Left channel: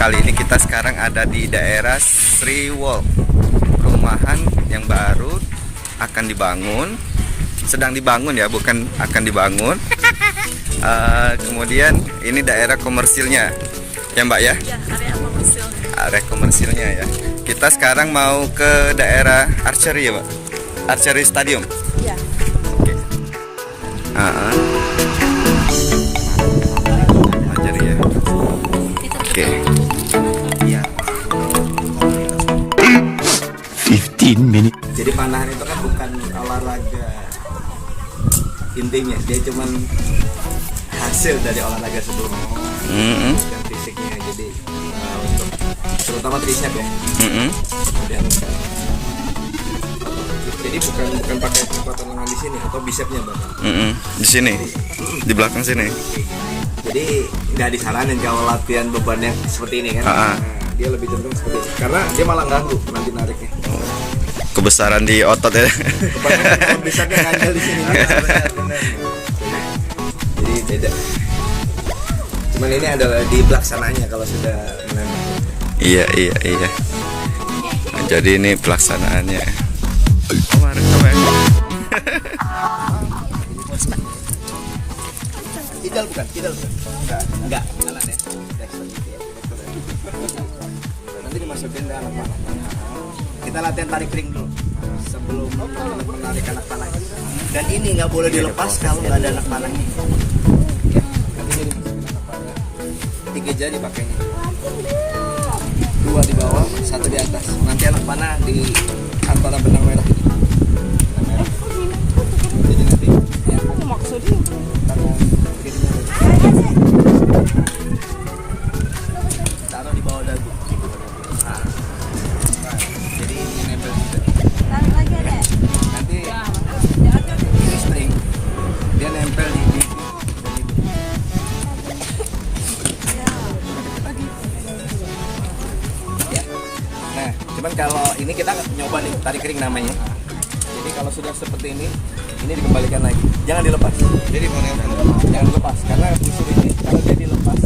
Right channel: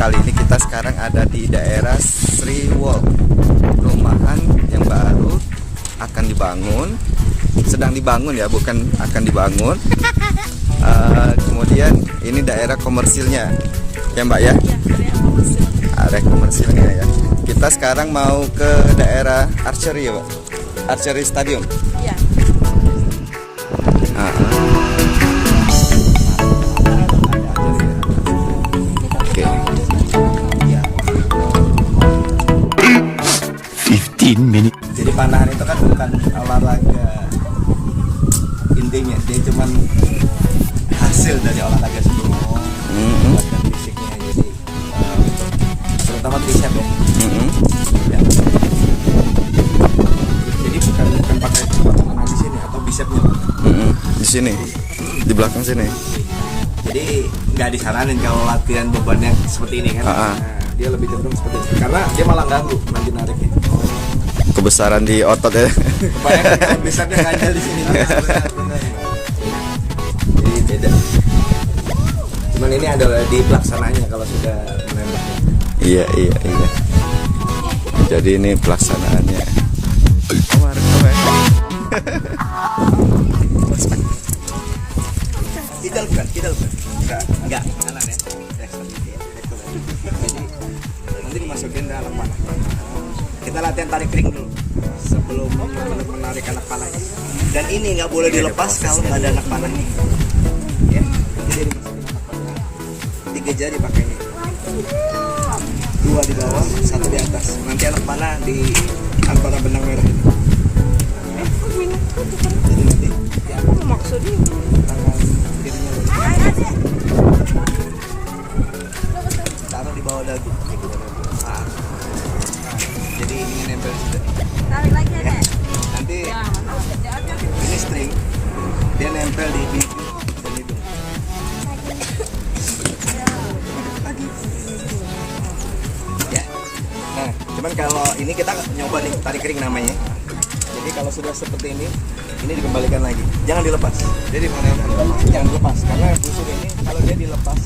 Kali ini kita sekarang ada di daerah Sri Wall. Perumahan yang baru akan dibangun, sedang dibangun ya, bukan akan dibangun. Kemudian ini daerah komersilnya ya Mbak ya? Area komersilnya ya. Kita sekarang mau ke daerah Archery ya Mbak? Archery Stadium. Iya. Archery ya. Oke. 15 menit. Jadi panahan itu kan bukan olahraga intinya, dia cuman hasil dari olahraga sebelumnya. Latihan fisiknya, jadi terutama tricep ya. Ya. Jadi bukan pakai tangan di sini atau bicepnya. Di sini, di belakang sini. Jadi nggak disaranin kalau latihan beban yang seperti ini kan. Nah, dia lebih cenderung seperti ini karena dia malah ganggu nanti nariknya. Kebesaran di otot ya. Kebanyakan besarnya ngajal di sini. Jadi beda. Cuman ini adalah di pelaksananya kalau sudah menembak. Iya. Jadi ini pelaksanaannya. Kidal bukan. Enggak, kanan ya. Nanti dimasukin ke anak panahnya. Kita latihan tarik ring dulu sebelum menarik anak panahnya. Dan ini nggak boleh dilepas kalau nggak ada anak panahnya. Ya, nanti dia dimasukin anak panah. 3 jari pakainya. 2 di bawah, 1 di atas. Nanti anak panah di antara benang merah itu. Benang merah. Jadi nanti ya maksudnya tangan kirinya taruh di bawah dagu. Nah, jadi ini nempel situ. Tarik lagi aja. Nanti ini string, dia nempel di bibir dan hidung. Ya. Nah, cuman kalau ini kita nyoba nih tarik ring namanya. Jadi kalau sudah seperti ini dikembalikan lagi. Jangan dilepas. Jadi jangan dilepas karena busur ini kalau dia dilepas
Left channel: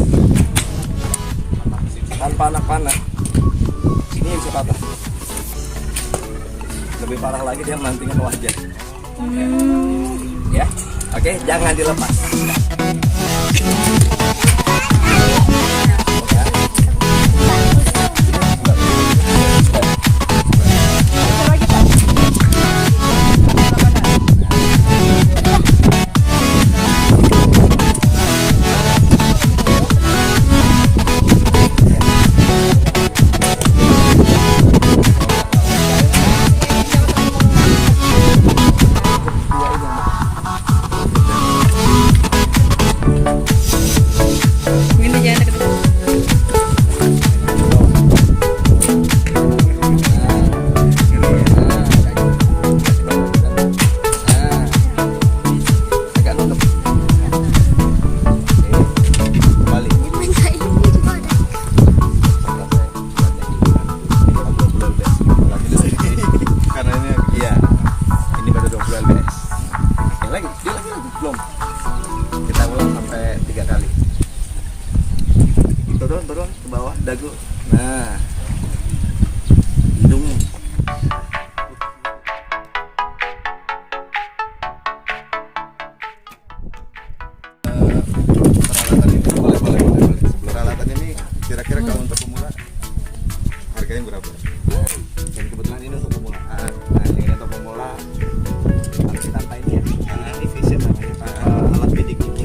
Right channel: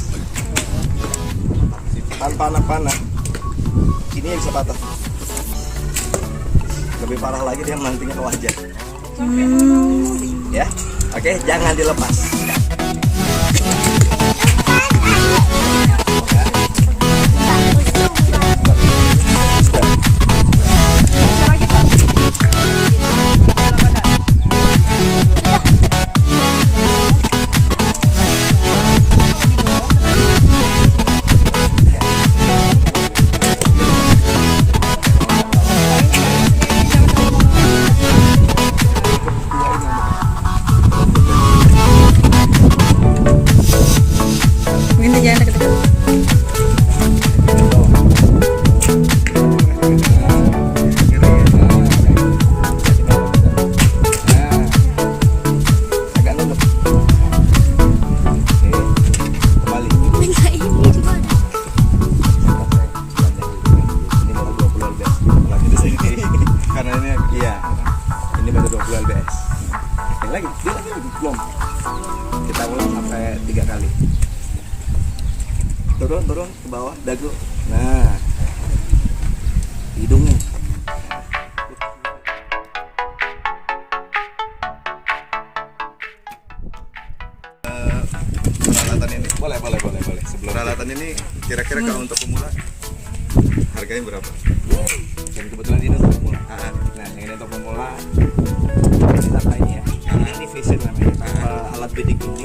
tanpa anak panah, ini bisa patah. Lebih parah lagi dia melantingnya ke wajah. Ya, oke, jangan dilepas. Mungkin jangan deket-deket. Agak nunduk. Kembali. Karena ini iya, ini baru 20 lbs. Lagi, belum. Kita ulang sampai 3 kali. Turun ke bawah dagu. Nah, hidungnya. Peralatan ini. Boleh. Peralatan ini kira-kira kalau untuk pemula harganya berapa? Dan kebetulan ini untuk pemula. Nah, ini untuk pemula standar ini ya. Ini visit namanya. Alat bidik ini,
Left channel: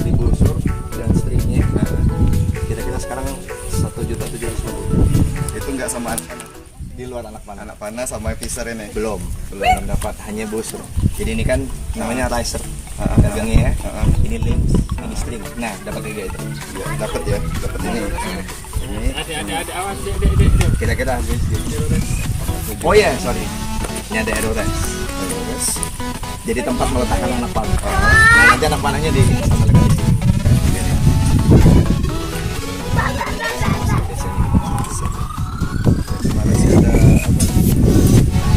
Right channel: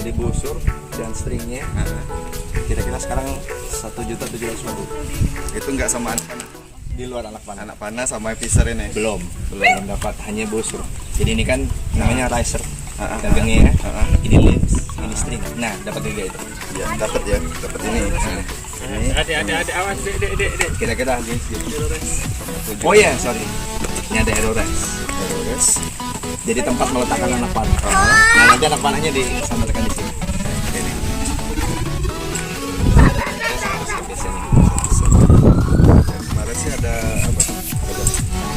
jadi busur dan stringnya. Kira-kira sekarang 1.750.000. Itu nggak sama anak panah? Di luar anak panah. Anak panah sama pisar ini? Belum dapat, hanya busur. Jadi ini kan namanya riser. Dagangnya ya. Ini links, ini string. Nah, dapat 3 itu. Ya, dapat ini. Ini. Ada awas, dek. Kira-kira oh ya, sorry. Ini ada aerores. Jadi tempat meletakkan anak panah. Nah, nanti anak panahnya di ini sama lekan di sini. Kemarin sih ada apa?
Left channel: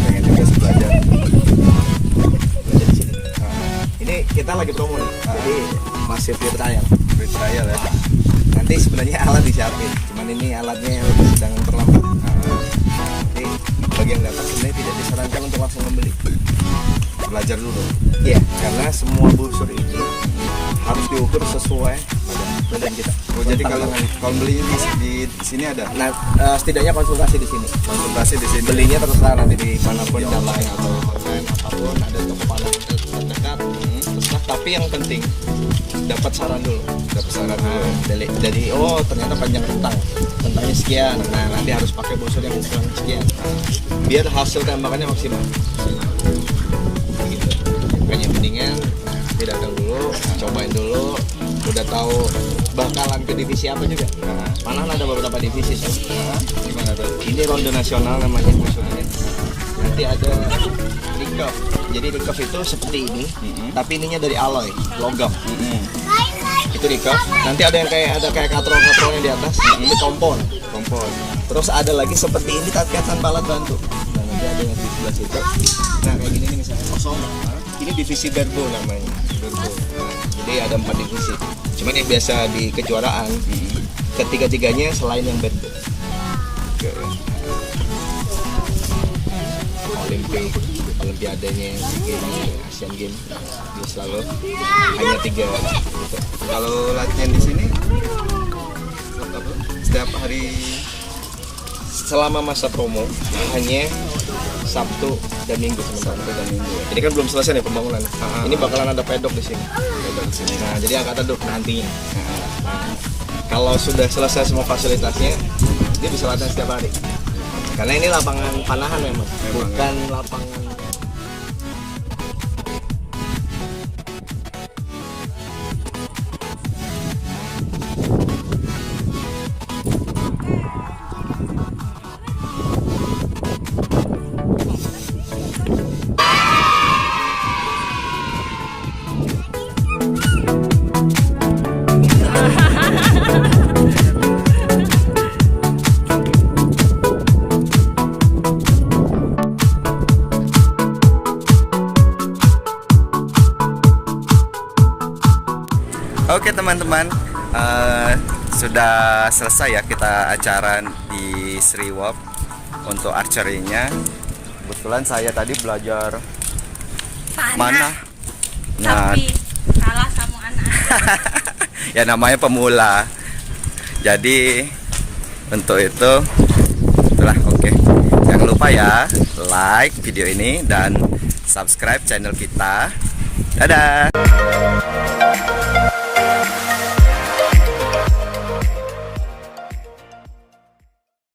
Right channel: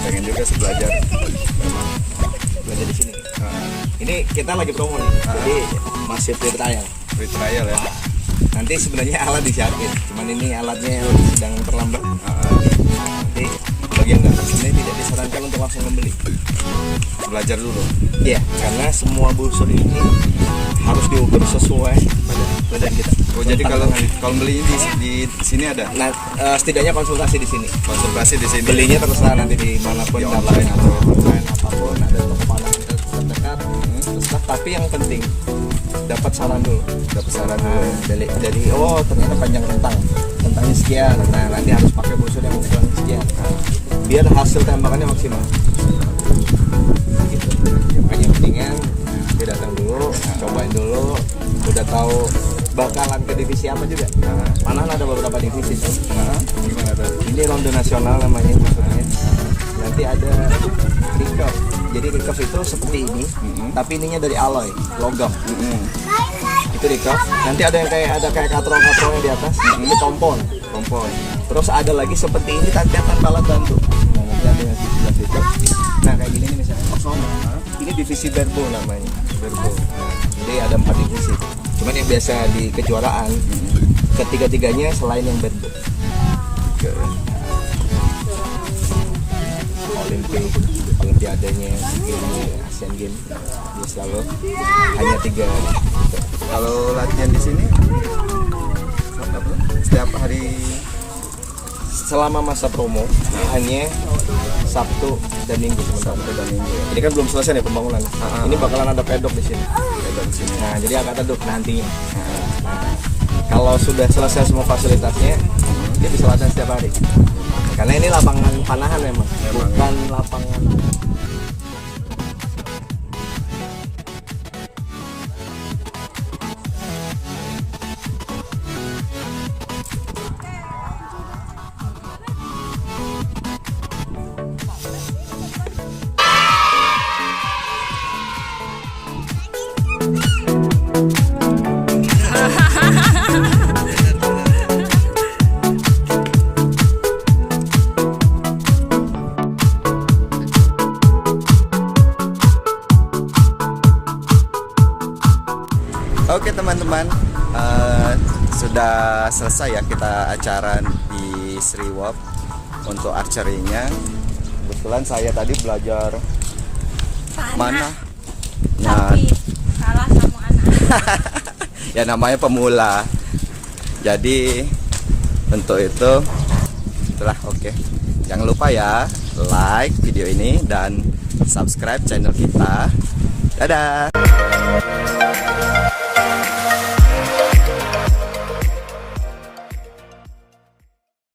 Pengen juga belajar di sini. Ini kita lagi promo nih. Jadi masih free trial. Free trial ya. Nanti sebenarnya alat disiapin, cuma cuman ini alatnya sedang terlambat. Jadi bagi yang datang sebenarnya tidak disarankan untuk langsung membeli. Belajar dulu. Iya, karena semua busur ini harus diukur sesuai pada badan kita. Oh, jadi kalau Tantangan. belinya di sini ada Nah, setidaknya konsultasi di sini. konsultasi di sini. Belinya terserah nanti di manapun, online atau online apapun, ada toko panah terdekat. Terserah, tapi yang penting dapat saran dulu. Dapat saran dulu. Nah, dari oh ternyata panjang rentangnya sekian. Nah, nanti harus pakai busur yang ukuran sekian. Biar hasil tembakannya maksimal. Gitu. Makanya mendingan nanti datang dulu, cobain dulu, udah tahu bakalan ke divisi apa juga. Panah ada beberapa divisi tuh. Gimana tuh? Ini ronde nasional namanya maksudnya. Nanti ada recurve. Jadi recurve itu seperti ini, tapi ininya dari alloy, logam. Itu recurve. Nanti ada yang kayak katrol-katrolnya di atas, itu kompon. Terus ada lagi seperti ini tapi tanpa alat bantu. Nah, nanti ada yang di sebelah situ. Nah, kayak gini nih misalnya kosong. Ini divisi Berbo namanya. Berbo. Jadi ada 4 divisi. Cuman yang biasa di kejuaraan, ketiga-tiganya selain yang Berbo. Olimpiadanya, Asian Games, dia selalu hanya 3 gitu. Kalau latihan di sini setiap hari Selama masa promo hanya Sabtu dan Minggu sementara. Jadi kan belum selesai nih pembangunan. Ini bakalan ada pedok di sini. Nah, jadi akan ada nantinya. Nah, kalau sudah selesai semua fasilitasnya, dia bisa latihan setiap hari. Karena ini lapangan panahan memang. Bukan lapangan. Oke teman-teman, sudah selesai ya kita acara di Sriwop untuk archery-nya. Kebetulan saya tadi belajar mana. Nah, Tapi salah sama anak. ya namanya pemula. Jadi untuk itu itulah oke. Jangan lupa ya like video ini dan subscribe channel kita. Dadah.